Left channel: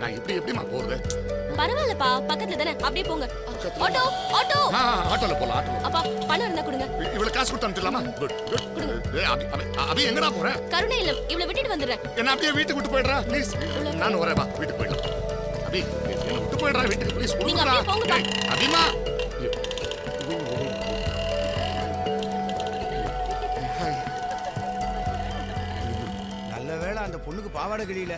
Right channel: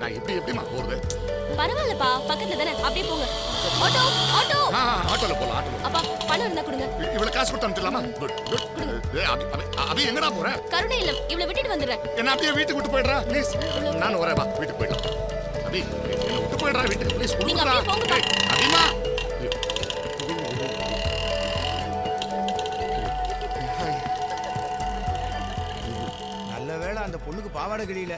நான் எப்படிமா போறது? பரவாயில்லப்பா, பக்கத்துல தானே, அப்படியே போங்க. Auto auto. ஆட்டோல போலாம், ஆட்டோல. அப்பா பணம் இருந்தா கொடுங்க. இவ்வளவு காசு கொடுத்து அனுப்பிடலாமா? குட். அபி எங்கடா போற? கருணை இல்லம், இவ்வளவு விட்டுட்டு வந்துடுறேன். என்ன அப்படியே வீட்டுக்கு விட்டு போயிடுறா ப்ளீஸ். நான் வரேன், வா வீட்டுக்கு போயிடலாம். அபி என்ன விட்டு போயிடுறா வீட்டுக்கு ப்ளீஸ். நீங்க அப்படியே போங்கப்பா. அபிமா நல்ல வேளை அந்த பொண்ணுக்கு பாவாடை கிழியில.